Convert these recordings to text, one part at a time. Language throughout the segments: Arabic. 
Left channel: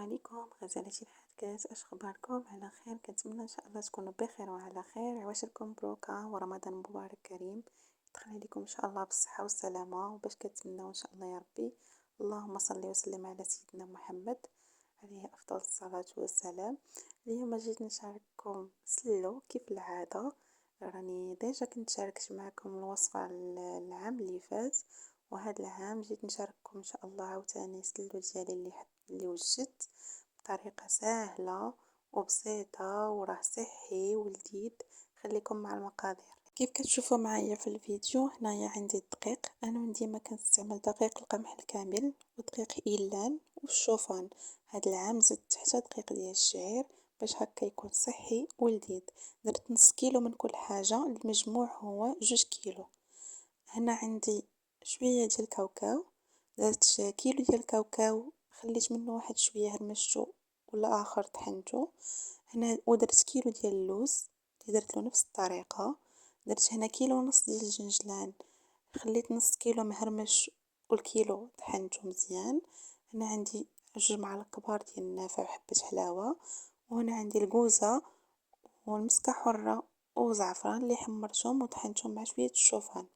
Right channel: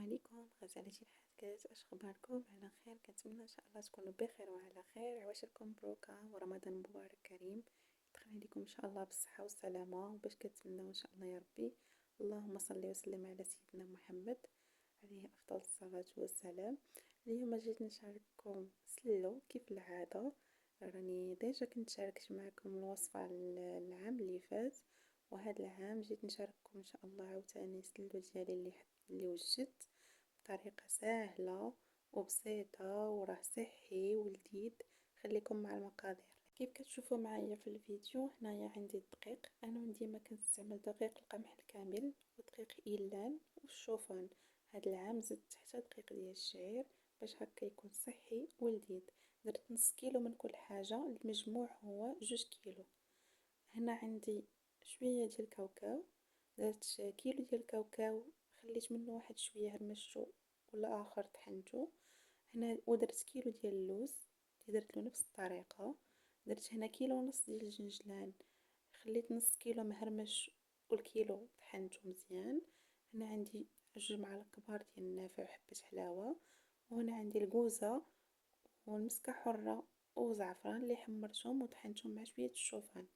عليكم غزالتي الحادقات، اش اخباركم؟ على خير؟ كنتمنى ان شاء الله تكونوا بخير وعلى خير. عواشركم مبروكه ورمضان مبارك كريم، يدخل عليكم ان شاء الله بالصحه والسلامه وباش كتمناو ان شاء الله يا ربي. اللهم صل وسلم على سيدنا محمد عليه افضل الصلاه والسلام. اليوم جيت نشارككم سلو كيف العاده. راني ديجا كنت شاركت معكم الوصفه العام اللي فات، وهذا العام جيت نشارككم ان شاء الله عاوتاني سلو ديالي اللي وجدت بطريقة سهلة وبسيطة وراه صحي ولذيذ. خليكم مع المقادير. كيف كتشوفوا معايا في الفيديو، هنايا عندي الدقيق. انا من ديما كنستعمل دقيق القمح الكامل ودقيق إيلان والشوفان. هاد العام زدت حتى دقيق ديال الشعير باش هكا يكون صحي ولذيذ. درت نص كيلو من كل حاجة، المجموع هو 2 كيلو. هنا عندي شوية ديال الكاوكاو، درت كيلو ديال الكاوكاو، خليت منه واحد شوية هرمشتو ولا اخر طحنتو. هنا ودرت كيلو ديال اللوز اللي درت له نفس الطريقة. درت هنا كيلو ونص ديال الجنجلان، خليت نص كيلو مهرمش والكيلو طحنته مزيان. هنا عندي 2 معالق كبار ديال النافع وحبة حلاوة. وهنا عندي الكوزة والمسكة حرة وزعفران اللي حمرتهم وطحنتهم مع شوية الشوفان.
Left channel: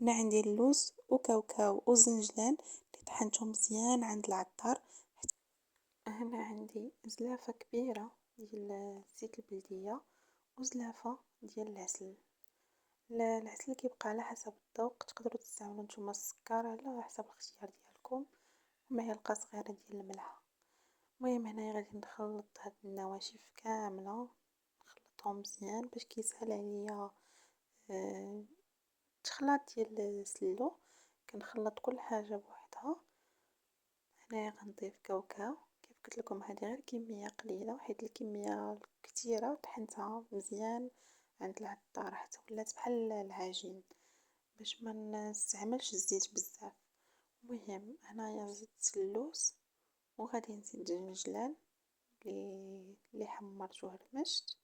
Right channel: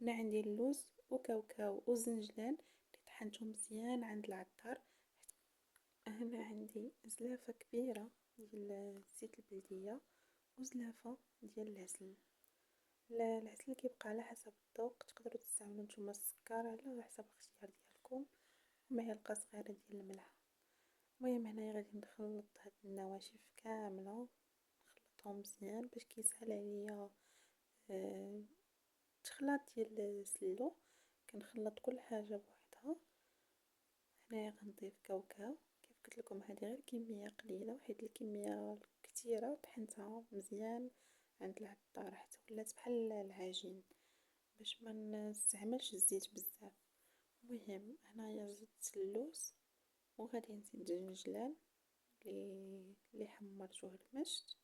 هنا عندي اللوز وكاوكاو وزنجلان اللي طحنتهم مزيان عند العطار. هنا عندي زلافة كبيرة ديال زيت البلدية وزلافة ديال العسل. العسل كيبقى على حسب الذوق، تقدروا تستعملوا نتوما السكر على حسب الاختيار ديالكم، ومعلقة صغيرة ديال الملح. المهم هنايا غادي نخلط هاد النواشف كاملة، نخلطهم مزيان باش كيسهل عليا التخلاط ديال السلو. كنخلط كل حاجة بوحدها. هنايا غنضيف كاوكاو، كيف قلت لكم هذه غير كمية قليلة، وحيت الكمية الكثيرة طحنتها مزيان عند العطار حتى ولات بحال العجين باش ما نستعملش الزيت بزاف. المهم هنايا زدت اللوز وغادي نزيد الجنجلان اللي حمرت وهرمشت،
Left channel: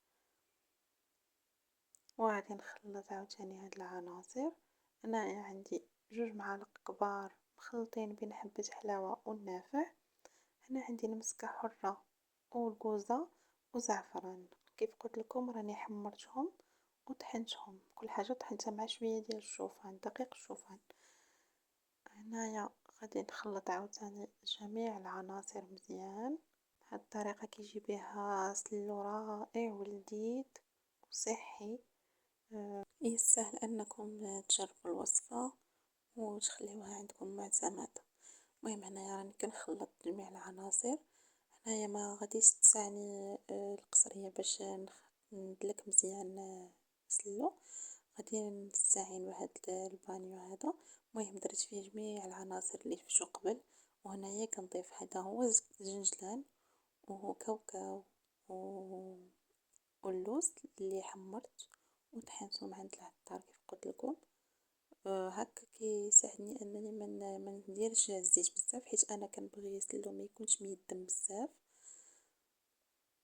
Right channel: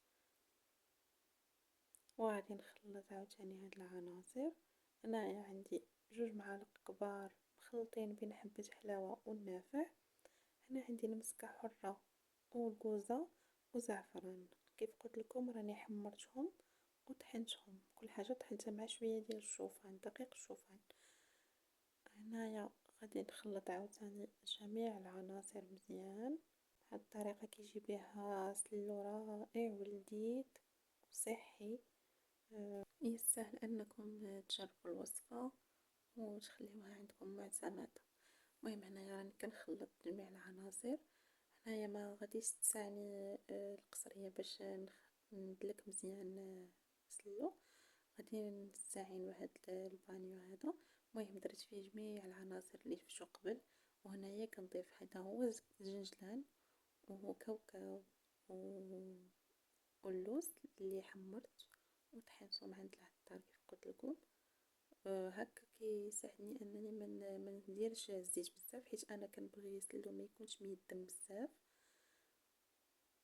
وغادي نخلط عاوتاني هاد العناصر. هنايا عندي 2 معالق كبار مخلطين بين حبة حلاوة والنافع. هنا عندي المسكة حرة والكوزة وزعفران، كيف قلت لكم راني حمرتهم وطحنتهم كل حاجة، طحنتها مع شوية ديال الشوفان، دقيق الشوفان. هنايا غادي نخلط عاوتاني جميع العناصر مزيان. بهاد الطريقة كيجي بها سلو رائع ولذيذ وصحي. يستاهل انكم تجربوا الوصفة وتخليوها عندكم معتمدة. المهم هنايا راني كنخلط جميع العناصر. هنايا ما غاديش تسعني القصرية باش ندلك مزيان سلو، غادي نستعين بهاد البانيو هذا. المهم درت فيه جميع العناصر اللي فشو قبل. وهنايا كنضيف هذا هو الزنجلان وكاوكاو واللوز اللي حمرت وطحنتهم عند العطار كيف قلت لكم. هكا كيساعدني انني ما نديرش الزيت بزاف، حيت انا كنبغي يسلو ما يكونش ميدم بزاف.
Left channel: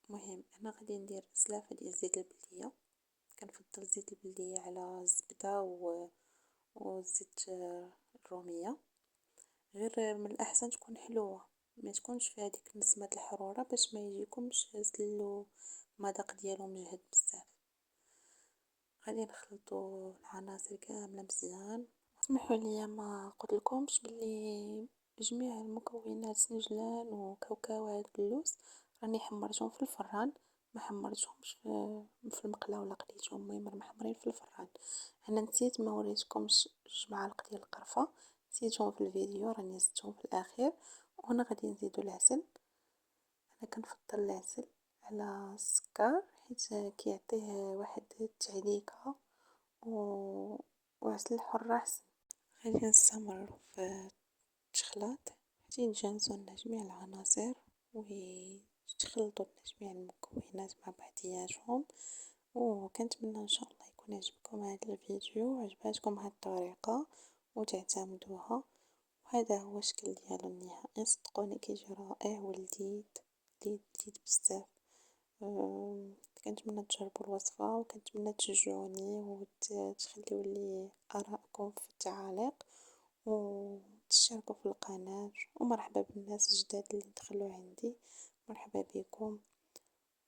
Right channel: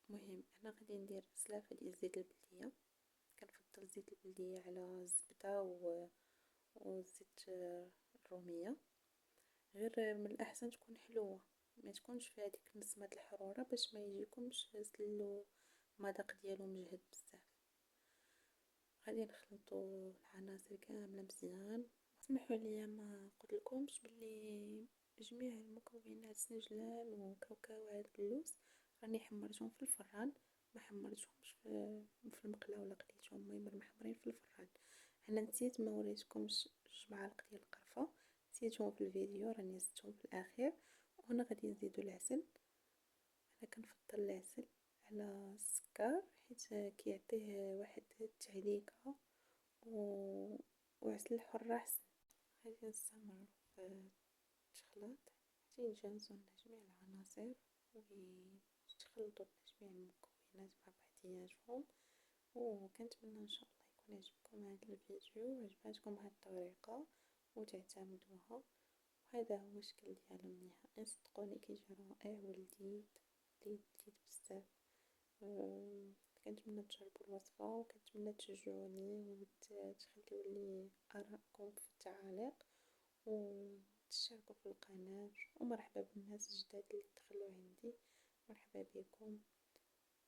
المهم انا غادي ندير سلافه ديال زيت البلديه، كنفضل زيت البلديه على الزبده والزيت الروميه. غير من الاحسن تكون حلوه، ما تكونش فيها ديك نسمه الحراره باش ما يجيكمش سلو المذاق ديالو مجهد بزاف. غادي نخلطوا العناصر كامله مزيان. اسمحوا لي ما قلت لكمش بلي جميع المكونات سنجلان وكاوكاو وهاد اللوز راني حمرتهم في الفران، ما حمرتهمش في المقله ولا قليتهم. المهم راهم محمرين في الفران. انا نسيت ما وريتكمش 2 معالق ديال القرفه، نسيتهم في الفيديو، راني زدتهم في الاخير. وهنا غادي نزيدو العسل. انا كنفضل العسل على السكر حيت كيعطيه واحد التعليكه وعسل الحر احسن. غادي نستمر في التخلاط حتى يتجانسوا لنا جميع العناصر ويتخلطوا لنا جميع المكونات مع بعضياتهم. وكنتمنى ان شاء الله يكون عجبكم هذا الفيديو وعجباتكم هذه الطريقه وتعتمدوها. وهذا هو الشكل ديالو النهائي، صدقوني كيجي رائع ولذيذ لذيذ بزاف. كنتمنى تجربوا الوصفه وكنتمنى تشجعوني وتخليوا لي ارائكم في التعاليق وتشتركوا في القناه. ومرحبا بالناس الجداد اللي دخلوا عندي، مرحبا بكم،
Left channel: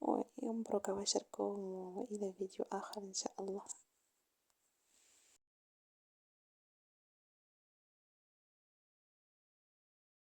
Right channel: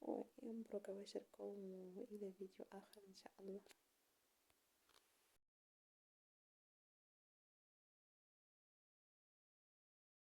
ومبروك على واشركم، وإلى فيديو آخر إن شاء الله.